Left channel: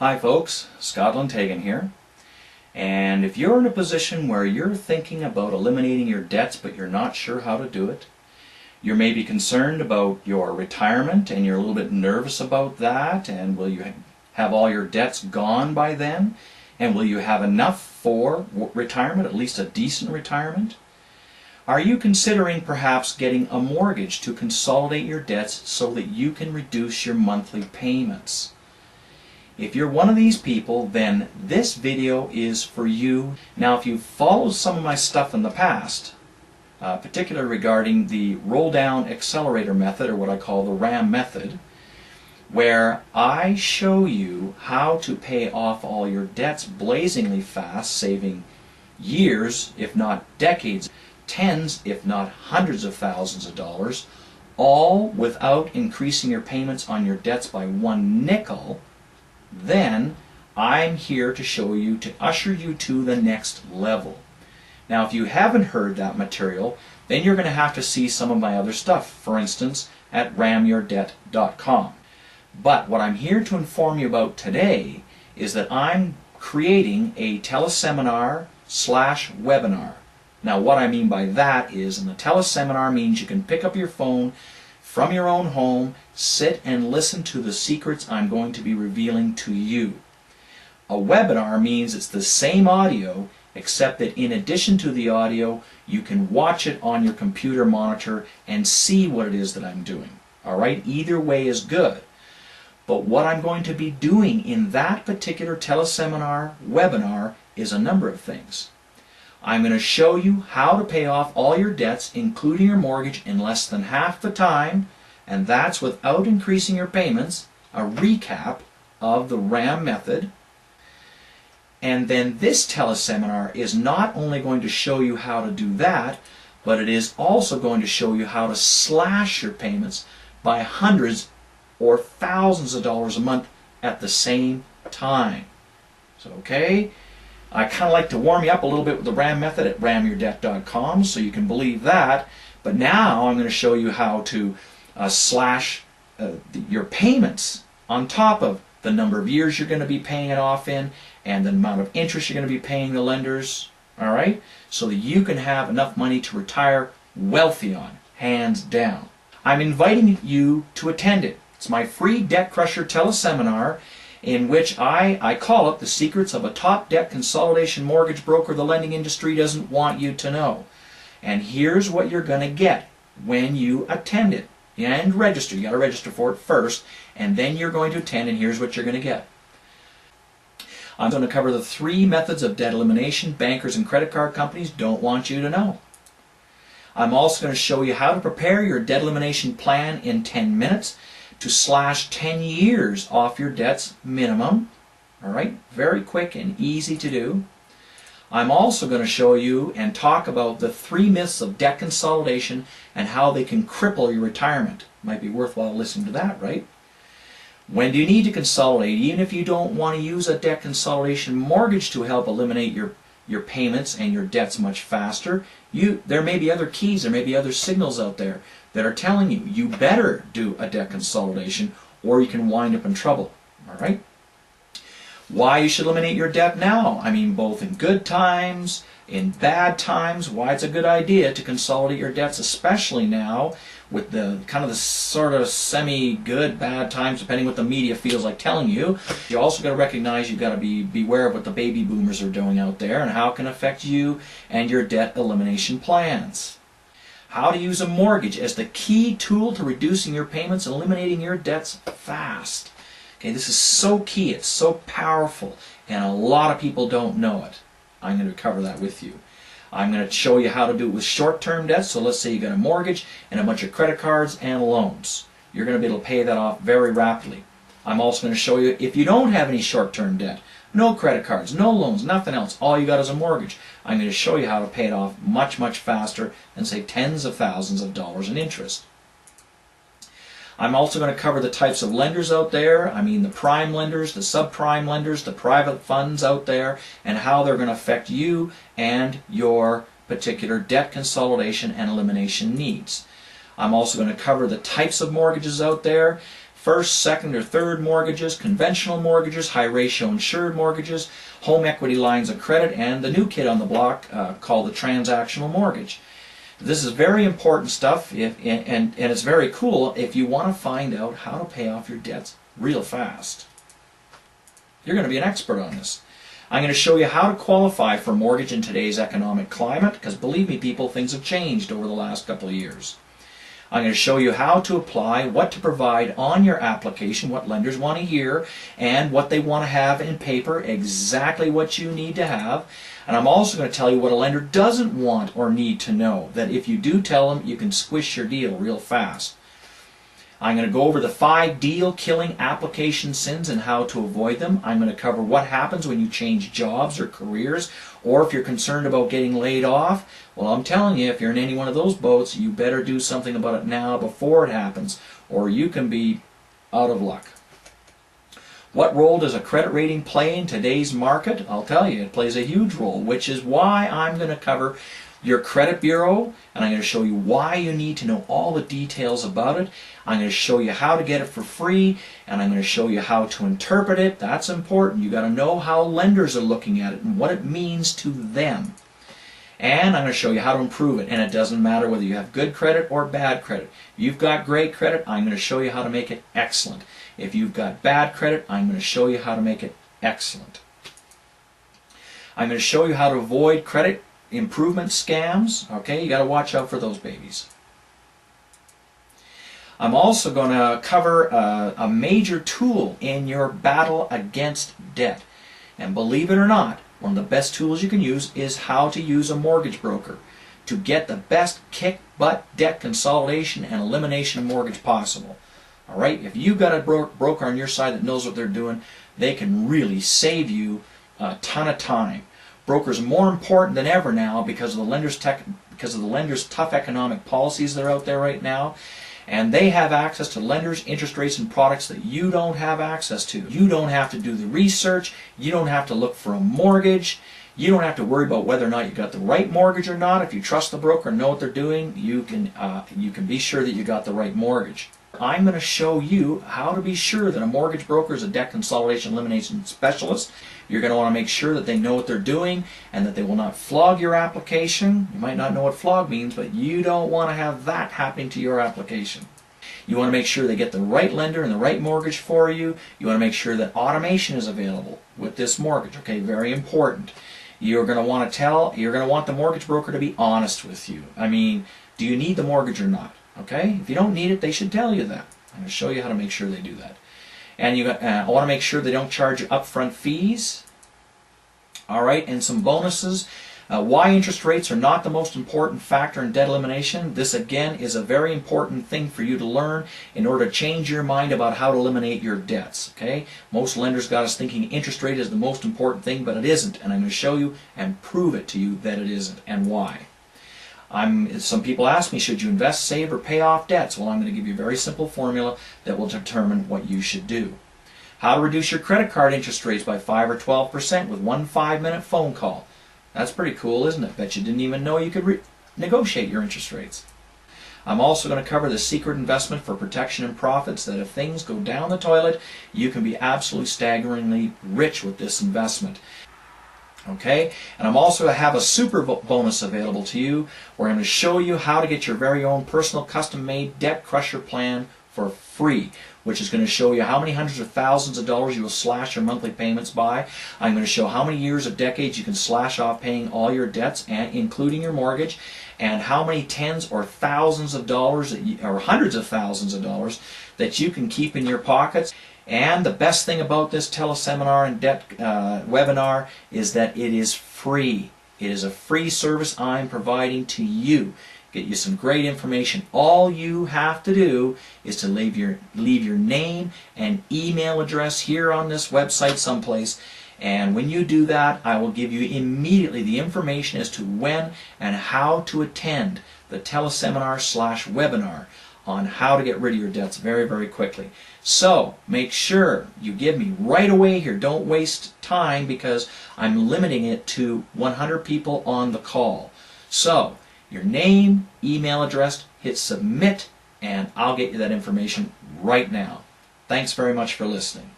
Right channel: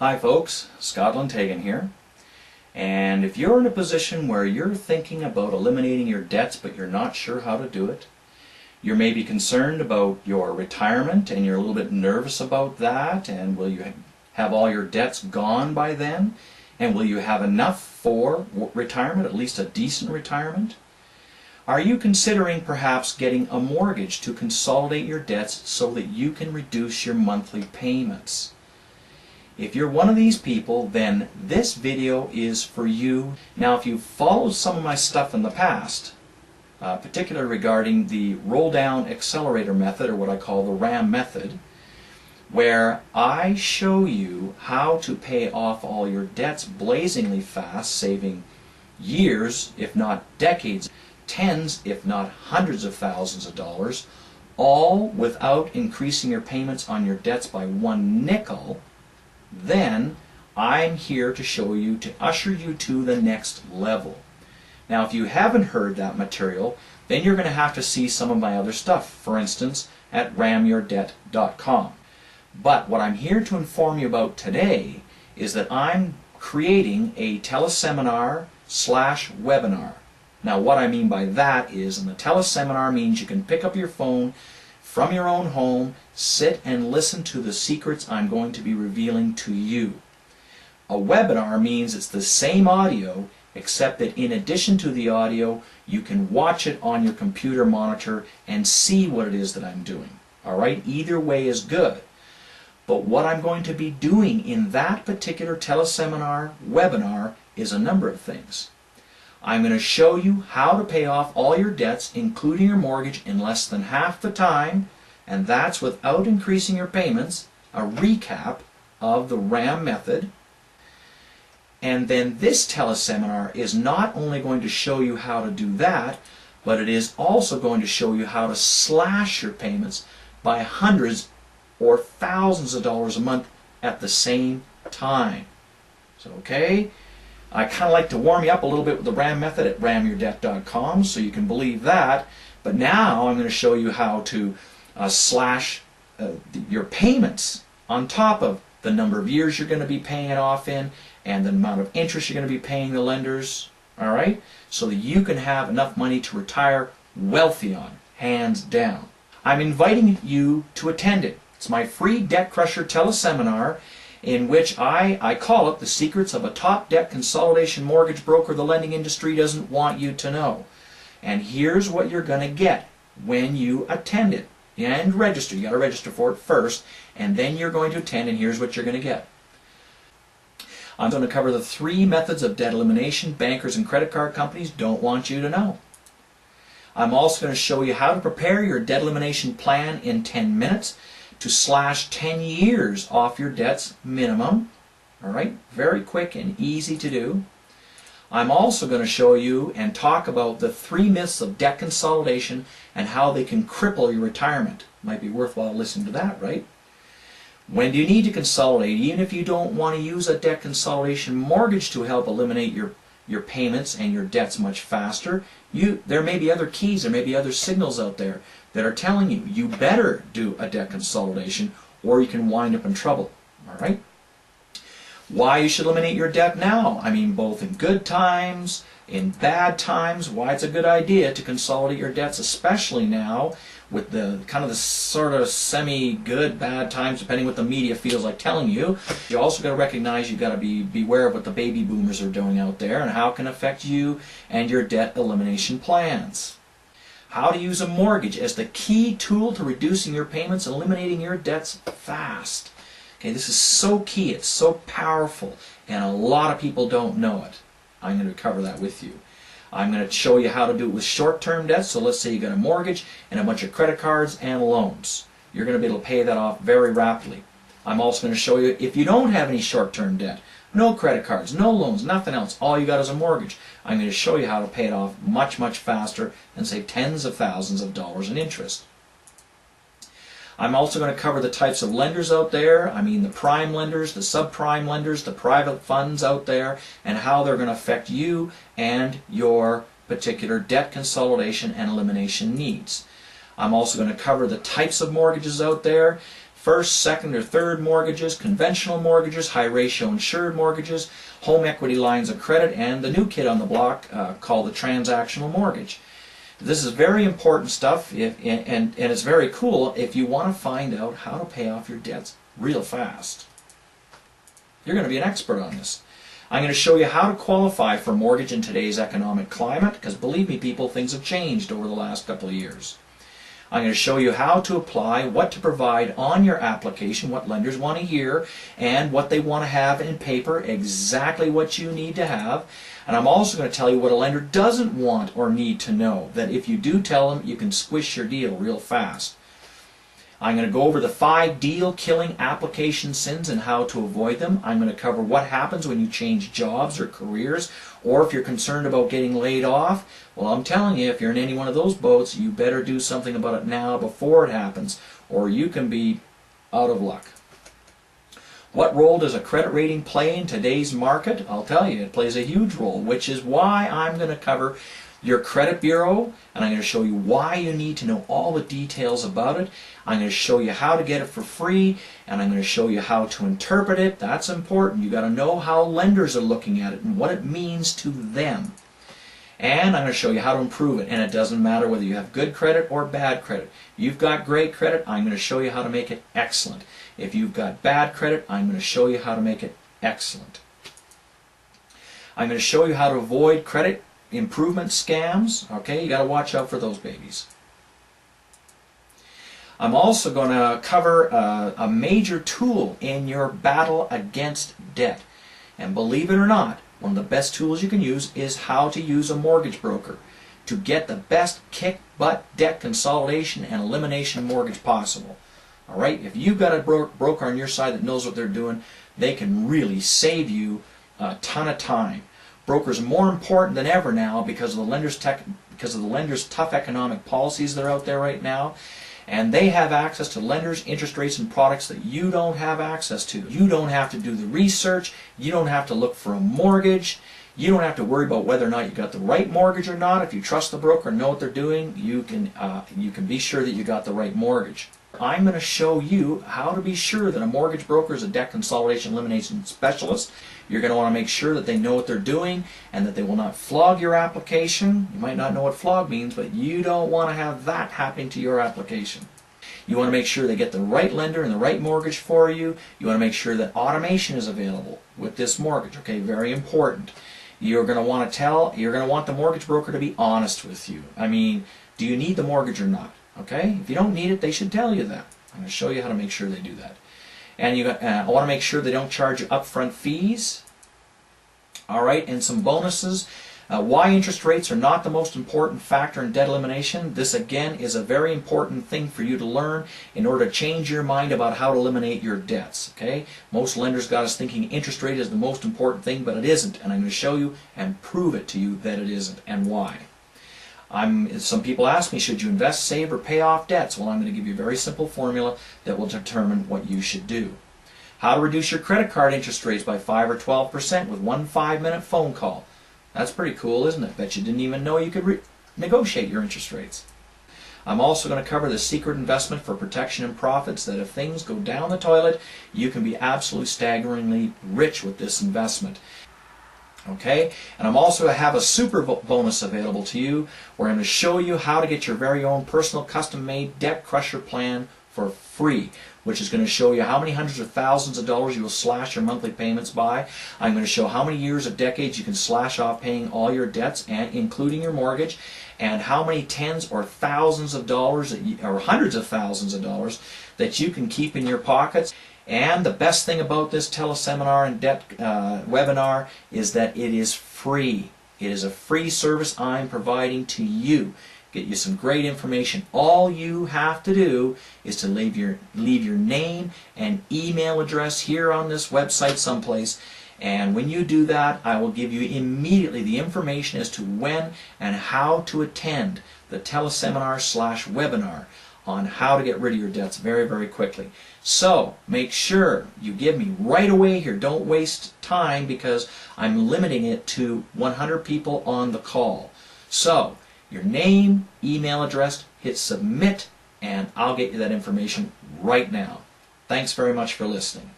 Hi folks, Scott Lundteigen here. And if you're in a position where you're thinking about eliminating your debts but you're not sure how to do it, you're maybe concerned about your retirement and you're a little bit nervous about that, and will you have all your debts gone by then? And will you have enough for retirement, at least a decent retirement? Are you considering perhaps getting a mortgage to consolidate your debts so that you can reduce your monthly payments? If you're one of these people, then this video is for you. Now, if you've followed some of my stuff in the past, particularly regarding the roll-down accelerator method, or what I call the RAM method, where I show you how to pay off all your debts blazingly fast, saving years, if not decades, tens, if not hundreds of thousands of dollars, all without increasing your payments on your debts by one nickel, then I'm here to show you, to usher you to the next level. Now, if you haven't heard that material, then you're going to have to see some of my other stuff, for instance, at ramyourdebt.com. But what I'm here to inform you about today is that I'm creating a teleseminar / webinar. Now, what I mean by that is, in the teleseminar means you can pick up your phone from your own home, sit and listen to the secrets I'm going to be revealing to you. A webinar means it's the same audio, except that in addition to the audio, you can watch it on your computer monitor and see what it is that I'm doing. All right? Either way is good. But what I'm going to be doing in that particular teleseminar webinar is a number of things. I'm going to show you how to pay off all your debts, including your mortgage, in less than half the time, and that's without increasing your payments, a recap of the RAM method. And then this teleseminar is not only going to show you how to do that, but it is also going to show you how to slash your payments by hundreds or thousands of dollars a month at the same time. So, okay? I kind of like to warm you up a little bit with the RAM method at ramyourdebt.com so you can believe that. But now I'm going to show you how to slash your payments on top of the number of years you're going to be paying it off in and the amount of interest you're going to be paying the lenders, all right? So that you can have enough money to retire wealthy on, hands down. I'm inviting you to attend it. It's my free Debt Crusher teleseminar, in which I call it the secrets of a top debt consolidation mortgage broker the lending industry doesn't want you to know. And here's what you're going to get when you attend it and register. You got to register for it first, and then you're going to attend, and here's what you're going to get. I'm going to cover the 3 methods of debt elimination bankers and credit card companies don't want you to know. I'm also going to show you how to prepare your debt elimination plan in 10 minutes to slash 10 years off your debts minimum. All right, very quick and easy to do. I'm also going to show you and talk about the 3 myths of debt consolidation and how they can cripple your retirement. Might be worthwhile listening to that, right? When do you need to consolidate? Even if you don't want to use a debt consolidation mortgage to help eliminate your payments and your debts much faster, there may be other keys, there may be other signals out there that are telling you you better do a debt consolidation or you can wind up in trouble. All right? Why you should eliminate your debt now. I mean, both in good times, in bad times, why it's a good idea to consolidate your debts, especially now with the kind of the sort of semi-good, bad times, depending what the media feels like telling you. You also got to recognize you've got to beware of what the baby boomers are doing out there and how it can affect you and your debt elimination plans. How to use a mortgage as the key tool to reducing your payments and eliminating your debts fast. Okay, this is so key, it's so powerful, and a lot of people don't know it. I'm going to cover that with you. I'm going to show you how to do it with short-term debts. So let's say you got a mortgage and a bunch of credit cards and loans. You're going to be able to pay that off very rapidly. I'm also going to show you if you don't have any short-term debt, no credit cards, no loans, nothing else, all you got is a mortgage, I'm going to show you how to pay it off much, much faster and save tens of thousands of dollars in interest. I'm also going to cover the types of lenders out there. I mean the prime lenders, the subprime lenders, the private funds out there, and how they're going to affect you and your particular debt consolidation and elimination needs. I'm also going to cover the types of mortgages out there, first, second, or third mortgages, conventional mortgages, high ratio insured mortgages, home equity lines of credit, and the new kid on the block called the transactional mortgage. This is very important stuff, and it's very cool if you want to find out how to pay off your debts real fast. You're going to be an expert on this. I'm going to show you how to qualify for a mortgage in today's economic climate, because believe me people, things have changed over the last couple of years. I'm going to show you how to apply, what to provide on your application, what lenders want to hear, and what they want to have in paper, exactly what you need to have. And I'm also going to tell you what a lender doesn't want or need to know, that if you do tell them, you can squish your deal real fast. I'm going to go over the 5 deal-killing application sins and how to avoid them. I'm going to cover what happens when you change jobs or careers, or if you're concerned about getting laid off. Well, I'm telling you, if you're in any one of those boats, you better do something about it now before it happens, or you can be out of luck. What role does a credit rating play in today's market? I'll tell you, it plays a huge role, which is why I'm going to cover your credit bureau, and I'm going to show you why you need to know all the details about it. I'm going to show you how to get it for free, and I'm going to show you how to interpret it. That's important. You got to know how lenders are looking at it and what it means to them. And I'm going to show you how to improve it. And it doesn't matter whether you have good credit or bad credit. If you've got great credit, I'm going to show you how to make it excellent. If you've got bad credit, I'm going to show you how to make it excellent. I'm going to show you how to avoid credit improvement scams. Okay, you got to watch out for those babies. I'm also going to cover a major tool in your battle against debt. And believe it or not, one of the best tools you can use is how to use a mortgage broker to get the best kick-butt debt consolidation and elimination mortgage possible. All right, if you've got a broker on your side that knows what they're doing, they can really save you a ton of time. Brokers are more important than ever now because of the lenders' tough economic policies that are out there right now. And they have access to lenders, interest rates, and products that you don't have access to. You don't have to do the research. You don't have to look for a mortgage. You don't have to worry about whether or not you got the right mortgage or not. If you trust the broker and know what they're doing, you can be sure that you got the right mortgage. I'm going to show you how to be sure that a mortgage broker is a debt consolidation elimination specialist. You're going to want to make sure that they know what they're doing and that they will not flog your application. You might not know what flog means, but you don't want to have that happening to your application. You want to make sure they get the right lender and the right mortgage for you. You want to make sure that automation is available with this mortgage. Okay, very important. You're going to want the mortgage broker to be honest with you. I mean, do you need the mortgage or not? Okay, if you don't need it, they should tell you that. I'm going to show you how to make sure they do that. And I want to make sure they don't charge you upfront fees. All right, and some bonuses. Why interest rates are not the most important factor in debt elimination. This again is a very important thing for you to learn in order to change your mind about how to eliminate your debts. Okay, most lenders got us thinking interest rate is the most important thing, but it isn't. And I'm going to show you and prove it to you that it isn't and why. Some people ask me, should you invest, save, or pay off debts? Well, I'm going to give you a very simple formula that will determine what you should do. How to reduce your credit card interest rates by 5 or 12% with one 5-minute phone call. That's pretty cool, isn't it? Bet you didn't even know you could negotiate your interest rates. I'm also going to cover the secret investment for protection and profits, that if things go down the toilet, you can be absolutely staggeringly rich with this investment. Okay, and I'm also going to have a super bonus available to you where I'm going to show you how to get your very own personal custom-made debt crusher plan for free, which is going to show you how many hundreds of thousands of dollars you will slash your monthly payments by. I'm going to show how many years or decades you can slash off paying all your debts, and including your mortgage, and how many tens or thousands of dollars or hundreds of thousands of dollars that you can keep in your pockets. And the best thing about this teleseminar and debt webinar is that it is free. It is a free service I'm providing to you. Get you some great information. All you have to do is to leave your name and email address here on this website someplace. And when you do that, I will give you immediately the information as to when and how to attend the teleseminar/webinar on how to get rid of your debts very, very quickly. So make sure you give me right away here. Don't waste time because I'm limiting it to 100 people on the call. So your name, email address, hit submit, and I'll get you that information right now. Thanks very much for listening.